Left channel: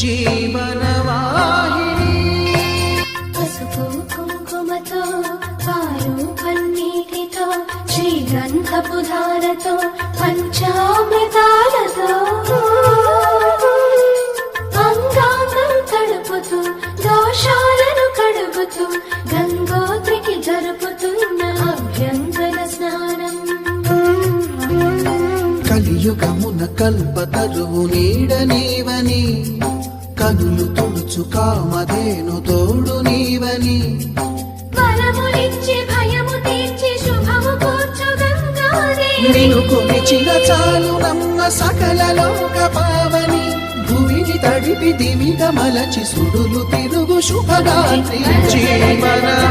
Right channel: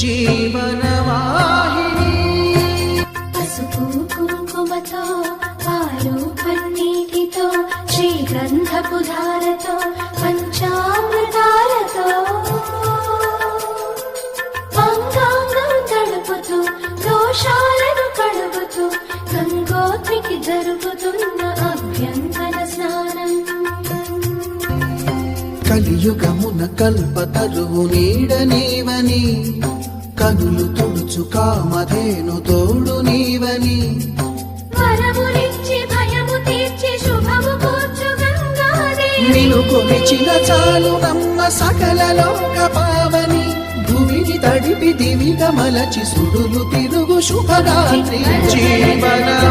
జీవనవాహిని పసుపు కుంకుమతో పాలు పన్నీటితో శ్రీగంధపు ధారతో పంచామృతాలతో అంగాంగం తడుపుతూ దోషాలను కడుగుతూ గంగోత్రికి జరుపుతున్న అభ్యంతర స్నానం. కలియుగమున కల్పతరువు నీడ నీవని కనులు తుడుచు కామధేను తోడు నీవని నిన్ను కొలిచిన చాలు నమ్మ సకల లోక పావని భూమిని తడిపి దివిగా మలచి సుడులు తిరుగు శుభగాత్రి జీవనవాహిని.